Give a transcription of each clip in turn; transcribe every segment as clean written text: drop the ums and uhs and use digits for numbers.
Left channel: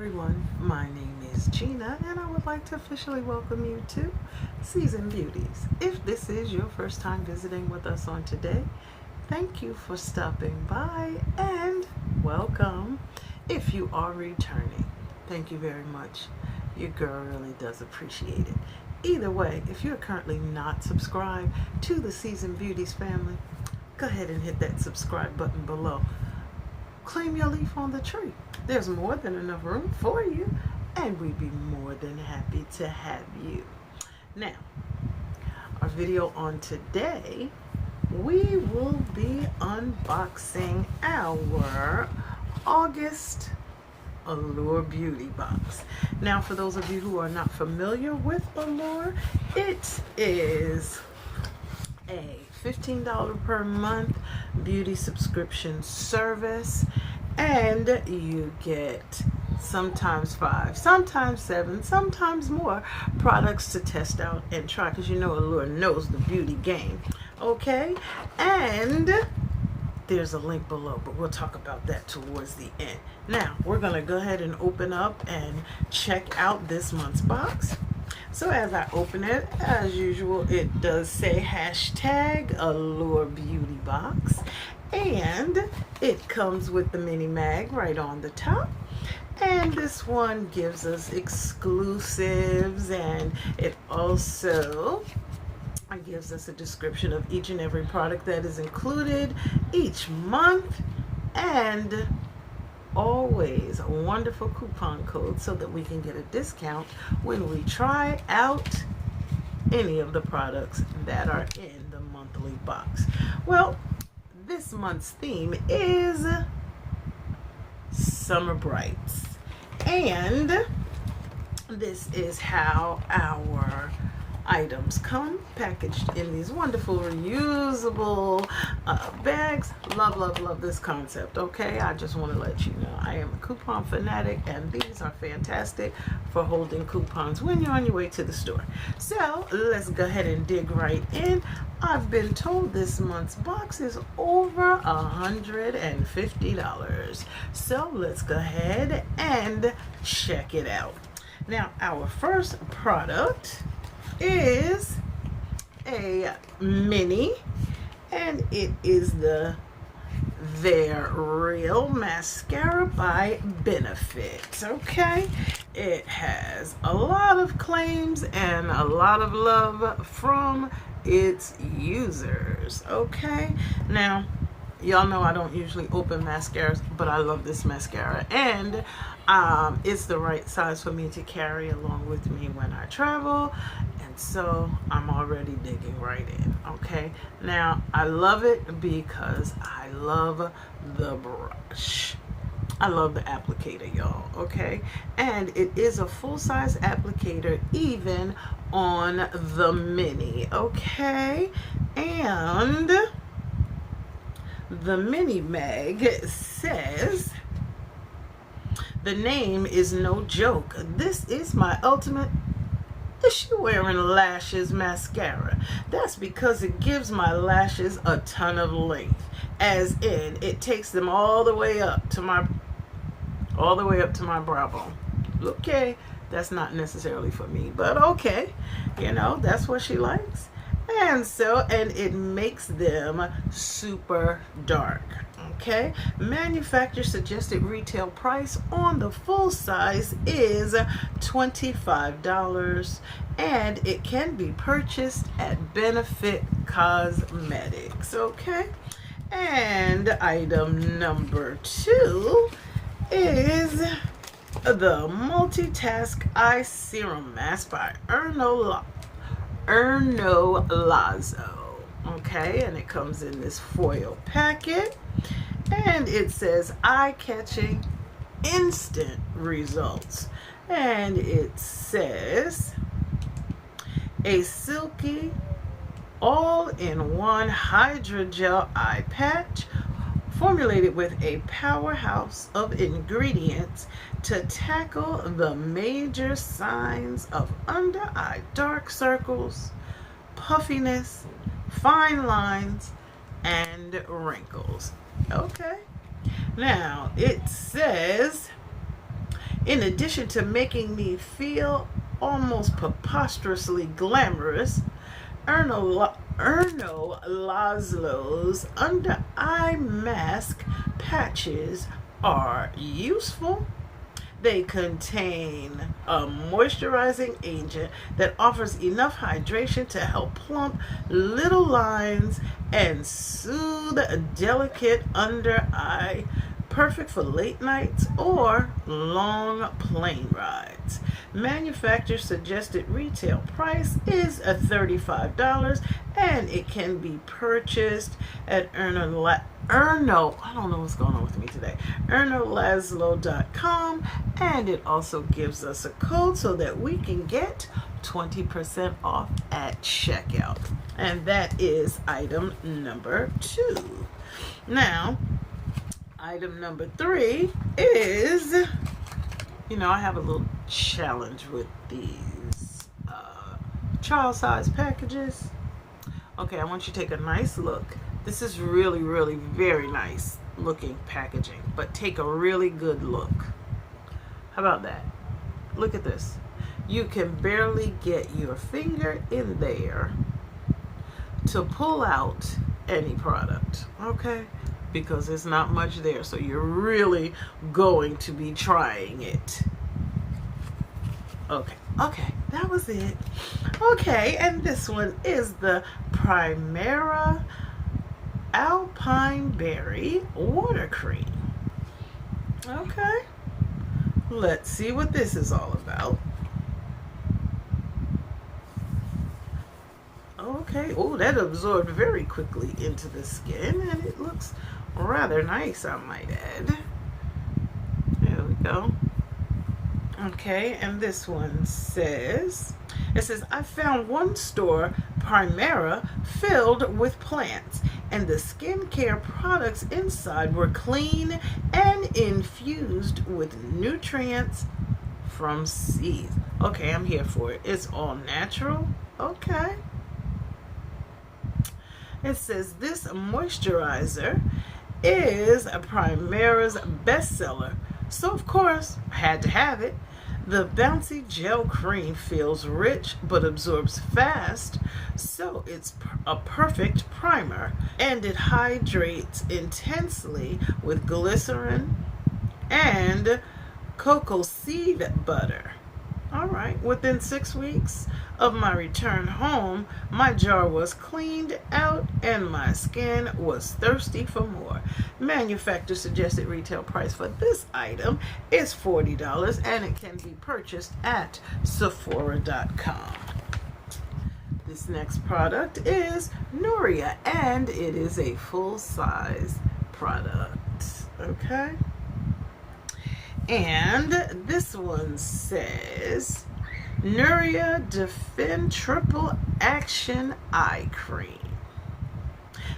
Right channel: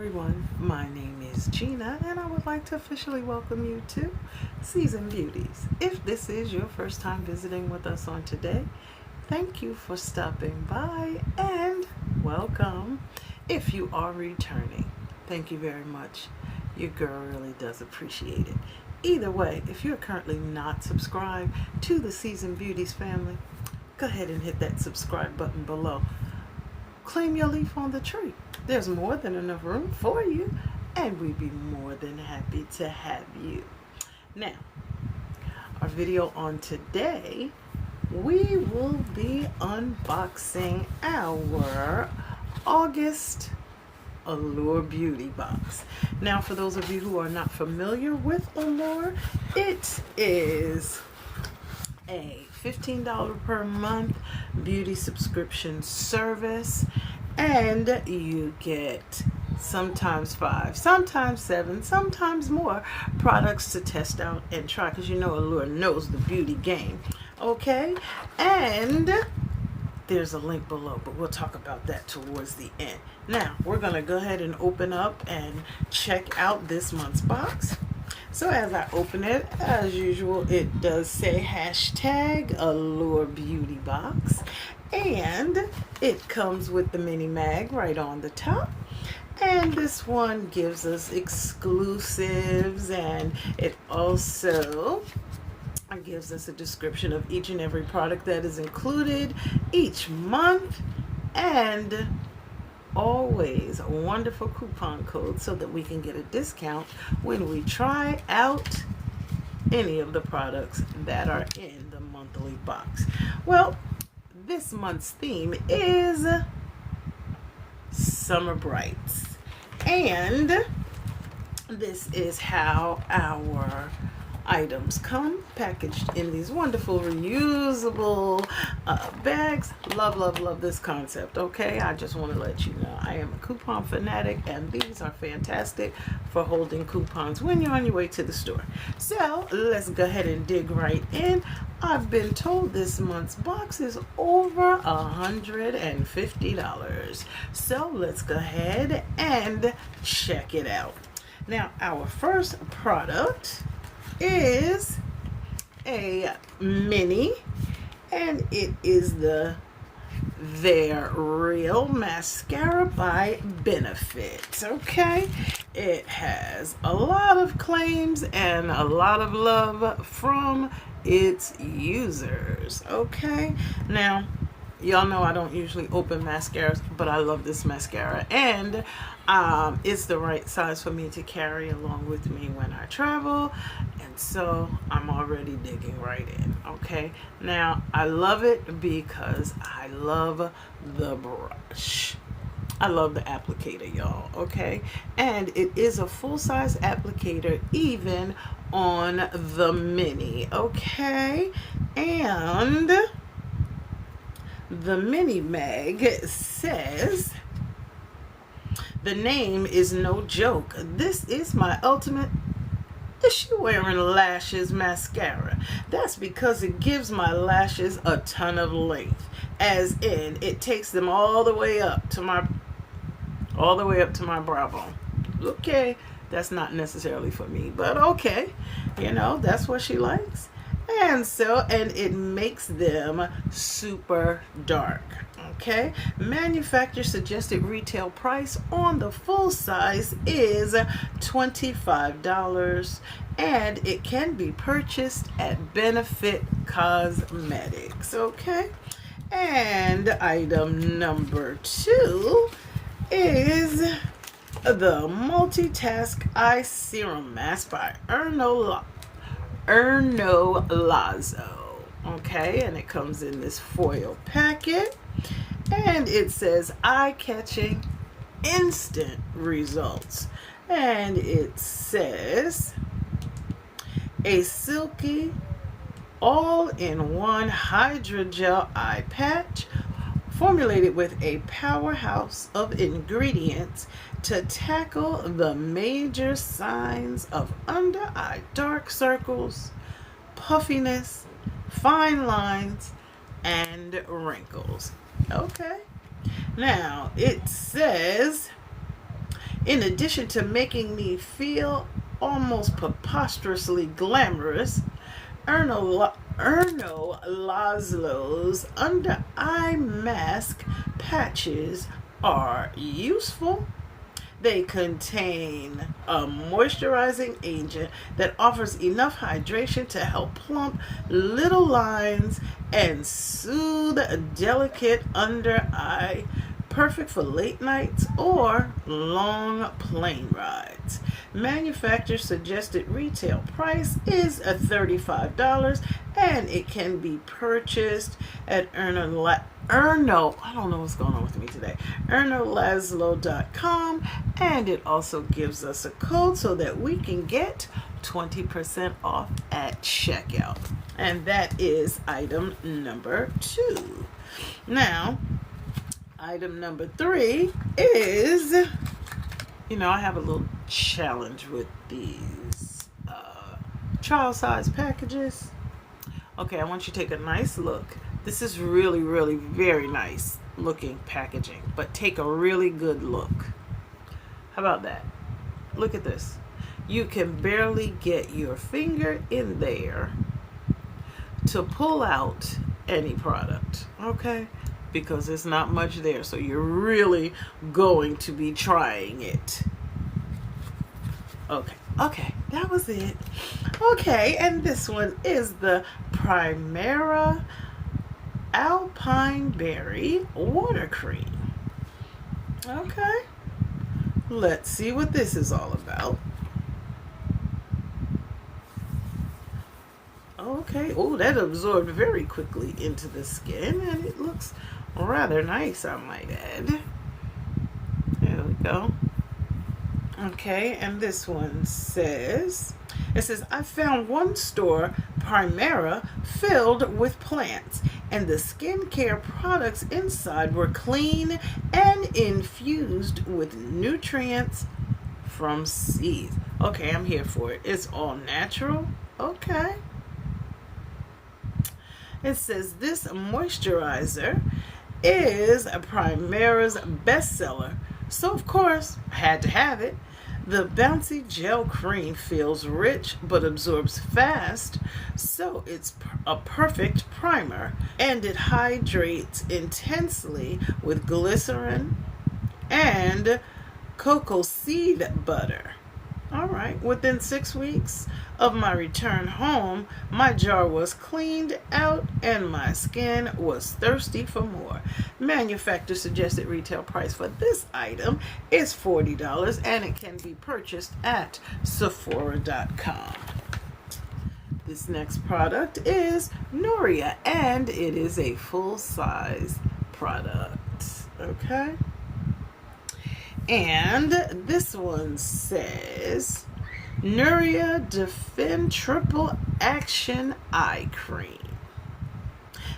Everyone, my name is Gina and I would like to officially welcome you to Season Beauties. If this is your first time visiting with us on today, thank you for stopping by and welcome. If you are returning, thank you very much. Your girl really does appreciate it. Either way, if you're currently not subscribed to the Season Beauties family, go ahead and hit that subscribe button below. Claim your leaf on the tree. There's more than enough room for you, and we'd be more than happy to have you. Now, our video on today, we will be unboxing our August Allure Beauty box. Now, for those of you who are not familiar with Allure, it is a $15 per month beauty subscription service, and you get sometimes 5, sometimes 7, sometimes more products to test out and try, because you know Allure knows the beauty game. Okay, and there's a link below, but we'll talk about that towards the end. Now we're gonna go ahead and open up and check out this month's box. So as I open it, as usual, it does say hashtag Allure Beauty Box, and it comes with the mini mag right on the top. And this one gives us exclusives, and it also gives us a description of each and every product that is included each month, and always a wonderful coupon code so that we can get a discount when we try out any of the products that are in the monthly box. Well, this month's theme is Summer Brights, and this is how our items come packaged in these wonderful reusable bags. Love this concept. Okay, I just want to let you know I am a coupon fanatic, and these are fantastic for holding coupons when you're on your way to the store. So let's go ahead and dig right in. I've been told this month's box is over $150, so let's go ahead and check it out. Now, our first product is a mini, and it is the They're Real mascara by Benefit. Okay, it has a lot of claims and a lot of love from its users. Okay, now y'all know I don't usually open mascaras, but I love this mascara, and it's the right size for me to carry along with me when I travel, and so I'm already digging right in. Okay, now I love it because I love the brush. I love the applicator, y'all. Okay, and it is a full-size applicator even on the mini. Okay, and the mini mag says, the name is no joke. This is my ultimate issue wearing lashes mascara. That's because it gives my lashes a ton of length, as in it takes them all the way up to my brow bone. Okay, that's not necessarily for me, but okay, you know, that's what she likes. And it makes them super dark. Okay, manufacturer suggested retail price on the full size is $25, and it can be purchased at Benefit Cosmetics. Okay, and item number 2 is the Multitask Eye Serum Mask by Erno Lazo. Okay, and it comes in this foil packet, and it says eye-catching instant results, and it says a silky all-in-one hydrogel eye patch formulated with a powerhouse of ingredients to tackle the major signs of under-eye dark circles, puffiness, fine lines, and wrinkles. Okay. Now, it says In addition to making me feel almost preposterously glamorous, Erno Laszlo's under eye mask patches are useful. They contain a moisturizing agent that offers enough hydration to help plump little lines and soothe delicate under eye, perfect for late nights or long plane rides. Manufacturer suggested retail price is $35, and it can be purchased at I don't know what's going on with me today, ErnoLazlo.com, and it also gives us a code so that we can get 20% off at checkout. And that is item number 2. Now, item number 3 is, I have a little challenge with these trial size packages. Okay, I want you to take a nice look. This is really, really very nice looking packaging, but take a really good look. How about that? Look at this. You can barely get your finger in there to pull out any product, okay? Because there's not much there, so you're really going to be trying it. Okay, that was it. Okay, and this one is the Primera Alpine Berry Water Cream. Okay, let's see what this is all about. Okay, oh, that absorbed very quickly into the skin, and it looks rather nice, I might add. There we go. Okay, and this one says, I found one store, Primera, filled with plants, and the skincare products inside were clean and infused with nutrients from seeds. Okay, I'm here for it. It's all natural. Okay. It says this moisturizer is a Primera's bestseller, so of course I had to have it. The bouncy gel cream feels rich but absorbs fast, so it's a perfect primer, and it hydrates intensely with glycerin and cocoa seed butter. All right, within 6 weeks of my return home, my jar was cleaned out and my skin was thirsty for more. Manufacturer suggested retail price for this item is $40, and it can be purchased at Sephora.com. This next product is Nuria, and it is a full-size product. Okay? And this one says Nuria Defend Triple Action Eye Cream.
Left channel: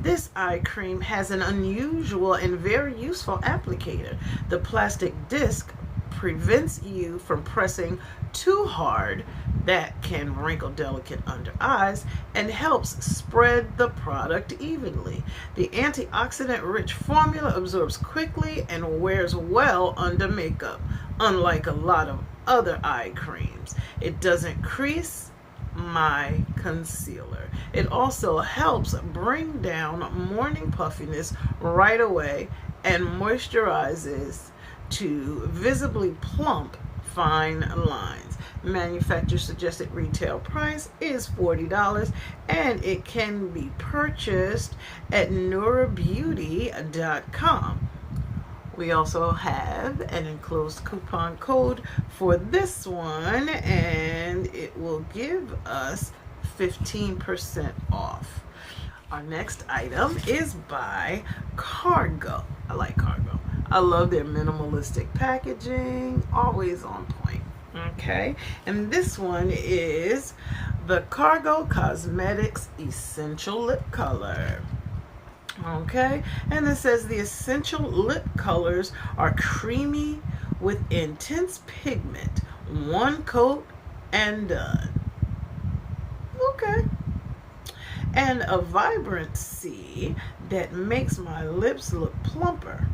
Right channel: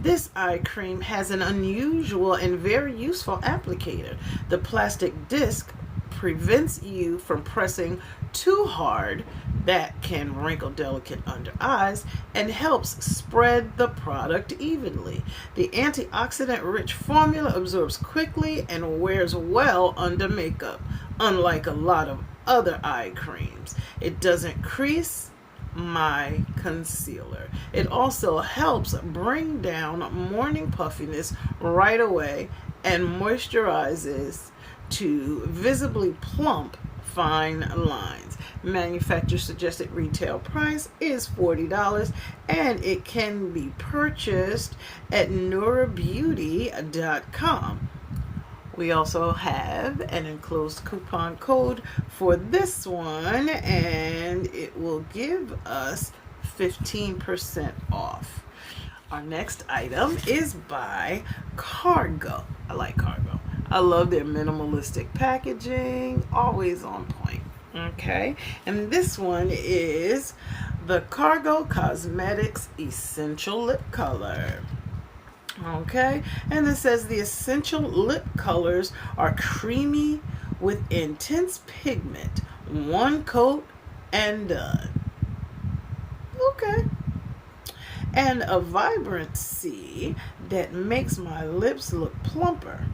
This eye cream has an unusual and very useful applicator. The plastic disc prevents you from pressing too hard, that can wrinkle delicate under eyes, and helps spread the product evenly. The antioxidant-rich formula absorbs quickly and wears well under makeup, unlike a lot of other eye creams. It doesn't crease my concealer. It also helps bring down morning puffiness right away and moisturizes to visibly plump fine lines. Manufacturer suggested retail price is $40, and it can be purchased at NuraBeauty.com. We also have an enclosed coupon code for this one, and it will give us 15% off. Our next item is by Cargo. I like Cargo. I love their minimalistic packaging, always on point. Okay, and this one is the Cargo Cosmetics Essential Lip Color. Okay, and it says the essential lip colors are creamy with intense pigment. One coat and done. Okay. And a vibrancy that makes my lips look plumper.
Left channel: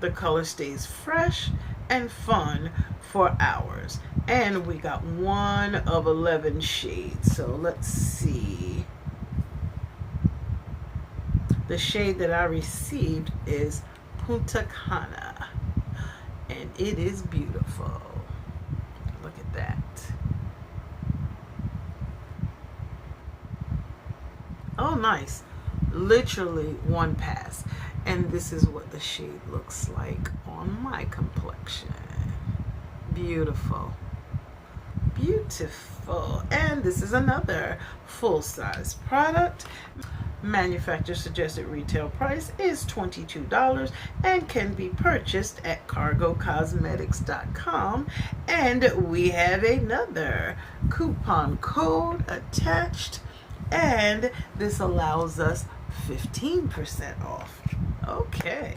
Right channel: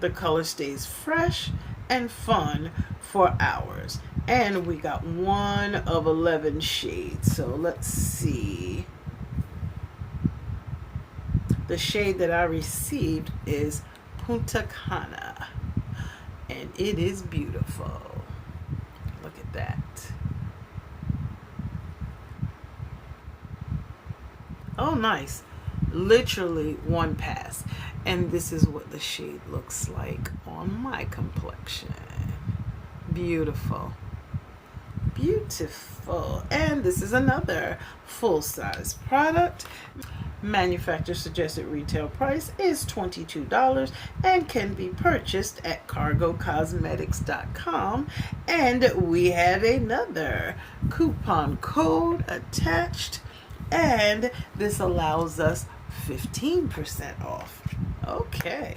The color stays fresh and fun for hours. And we got 1 of 11 shades. So let's see. The shade that I received is Punta Cana, and it is beautiful. Look at that. Oh, nice. Literally one pass. And this is what the shade looks like on my complexion. Beautiful. Beautiful. And this is another full-size product. Manufacturer suggested retail price is $22 and can be purchased at cargocosmetics.com. And we have another coupon code attached, and this allows us 15% off. Okay.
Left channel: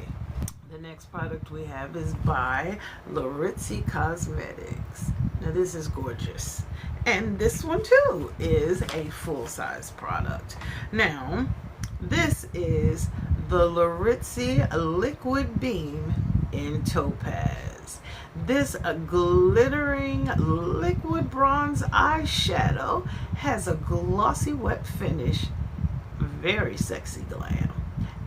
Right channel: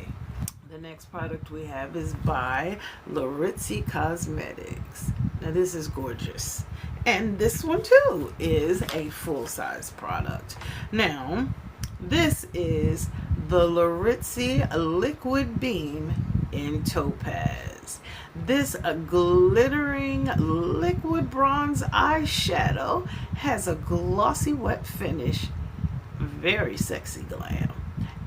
The next product we have is by Beauties Cosmetics. Now this is gorgeous. And this one too is a full-size product. Now, this is the Beauties Liquid Beam in Topaz. This glittering liquid bronze eyeshadow has a glossy wet finish, very sexy glam,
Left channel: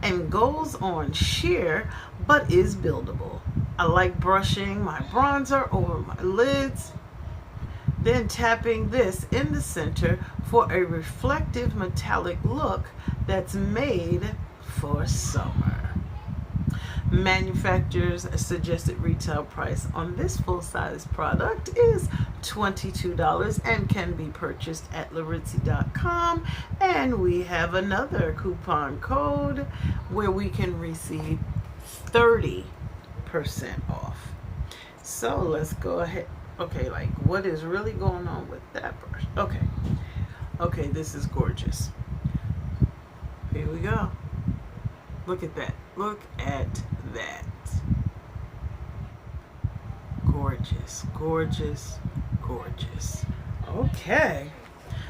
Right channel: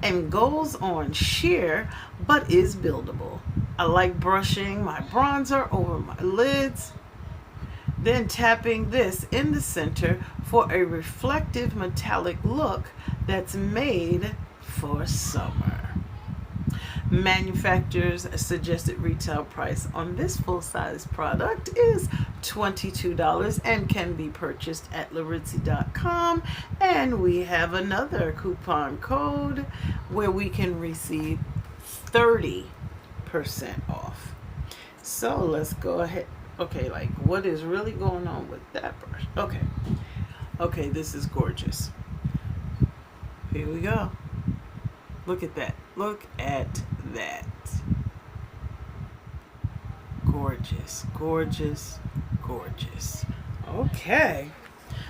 and goes on sheer but is buildable. I like brushing my bronzer over my lids, then tapping this in the center for a reflective metallic look that's made for summer. Manufacturer's suggested retail price on this full-size product is $22 and can be purchased at Beauties.com. And we have another coupon code where we can receive 30% off. So let's go ahead. Okay, like what is really going on with that brush? Okay, this is gorgeous. Here we go. Look at that. Look at that. Gorgeous, gorgeous, gorgeous. Okay,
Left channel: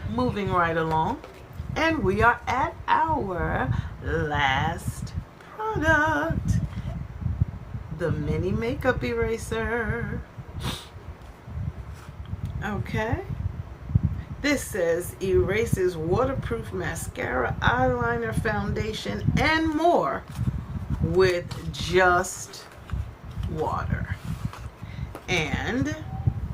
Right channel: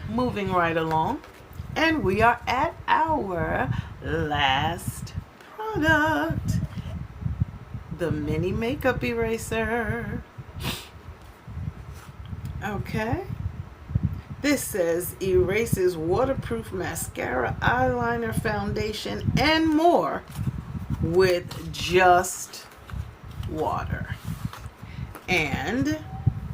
moving right along. And we are at our last product. The mini makeup eraser. Okay. This says erases waterproof mascara, eyeliner, foundation, and more with just water. And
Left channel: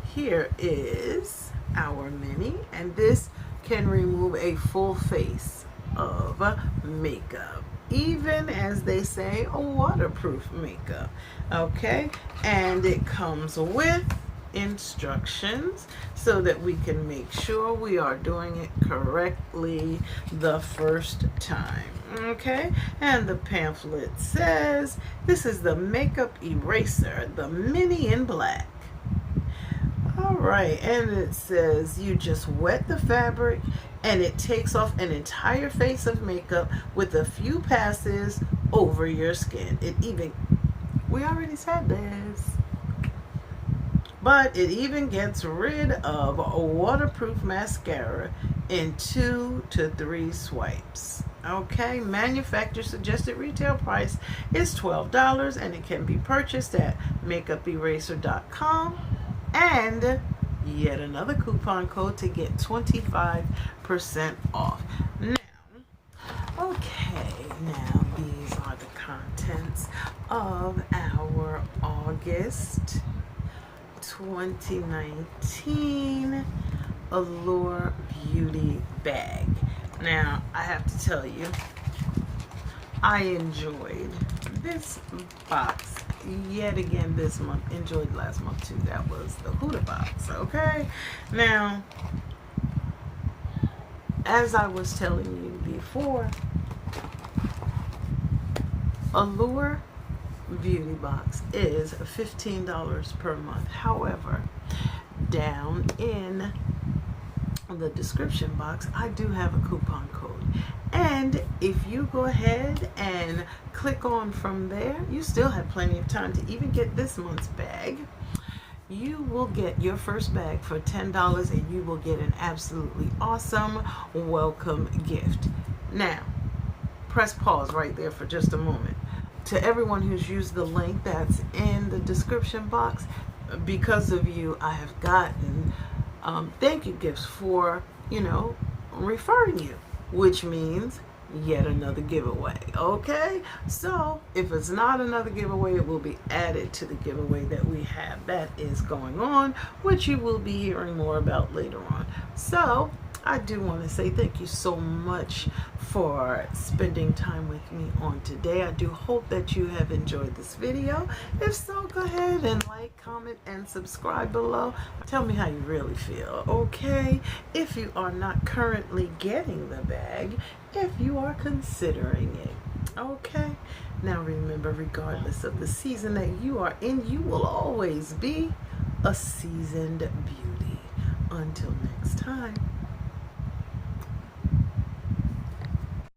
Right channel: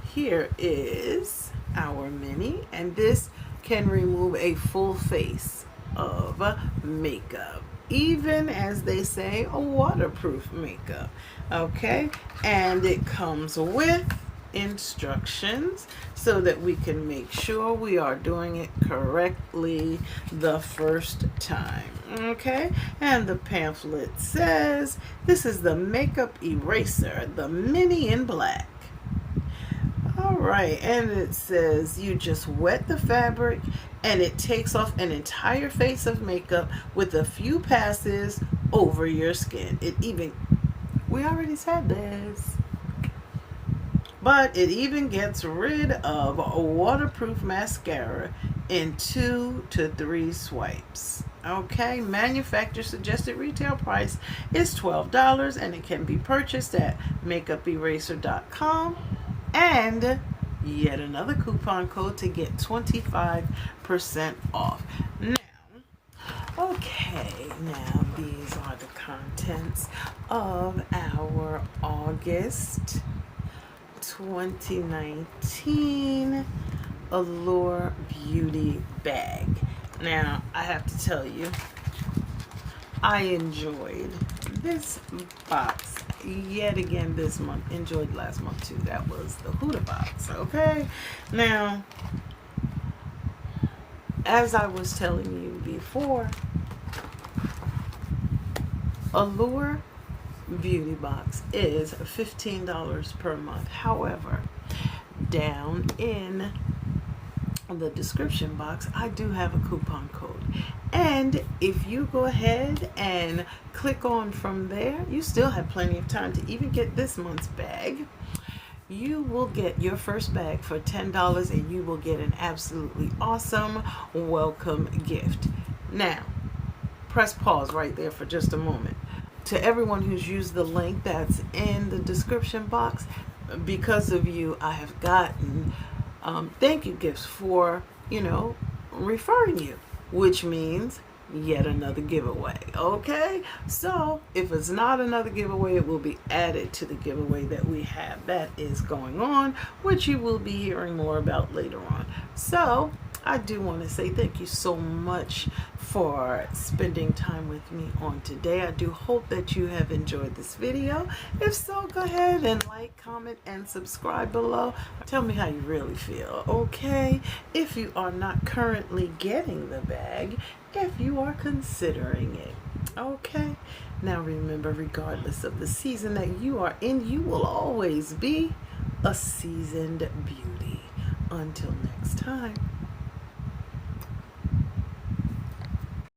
here is our mini, and this can remove a full face of makeup, even, as they say, a waterproof makeup. Okay, and it comes with instructions so that we can make sure we are doing it correctly the first time. Okay, and the pamphlet says this is the makeup eraser, the mini in black. All right, and it says you just wet the fabric and it takes off an entire face of makeup with a few passes over your skin. We already said this. But it even gets rid of a waterproof mascara in 2 to 3 swipes. Okay, manufacturer suggested retail price is $12 and it can be purchased at makeuperaser.com. And yet another coupon code to get 25% off. Now these are the contents of our August 2019 Allure Beauty bag. Now, I have to tell you, I enjoyed this box yet again this month. Enjoyed last month too. That was the Huda box. Okay. Now, as I was telling you before, Allure Beauty box is $15 per month. However, down in the description box, I do have a coupon code. And if you go ahead and click on from there, you still have plenty of time to even get this month's bag. You will get your first bag for $10 and you will get an absolutely awesome welcome gift. Now, press pause right there for just a moment. to everyone who's used the link that's in the description box, because of you, I have gotten thank you gifts for, referring you, which means yet another giveaway. Okay, so if it's not another giveaway, it will be added to the giveaway that we have that is going on, which you will be hearing more about later on. So I do want to say thank you so much for spending time with me on today. I do hope that you have enjoyed this video. If so, go ahead and like, comment, and subscribe below. Tell me how you really feel, okay? If you are not currently getting the bag, if you are considering it, okay? Now remember, regardless of the season that you are in, you will always be a seasoned beauty. Until next time.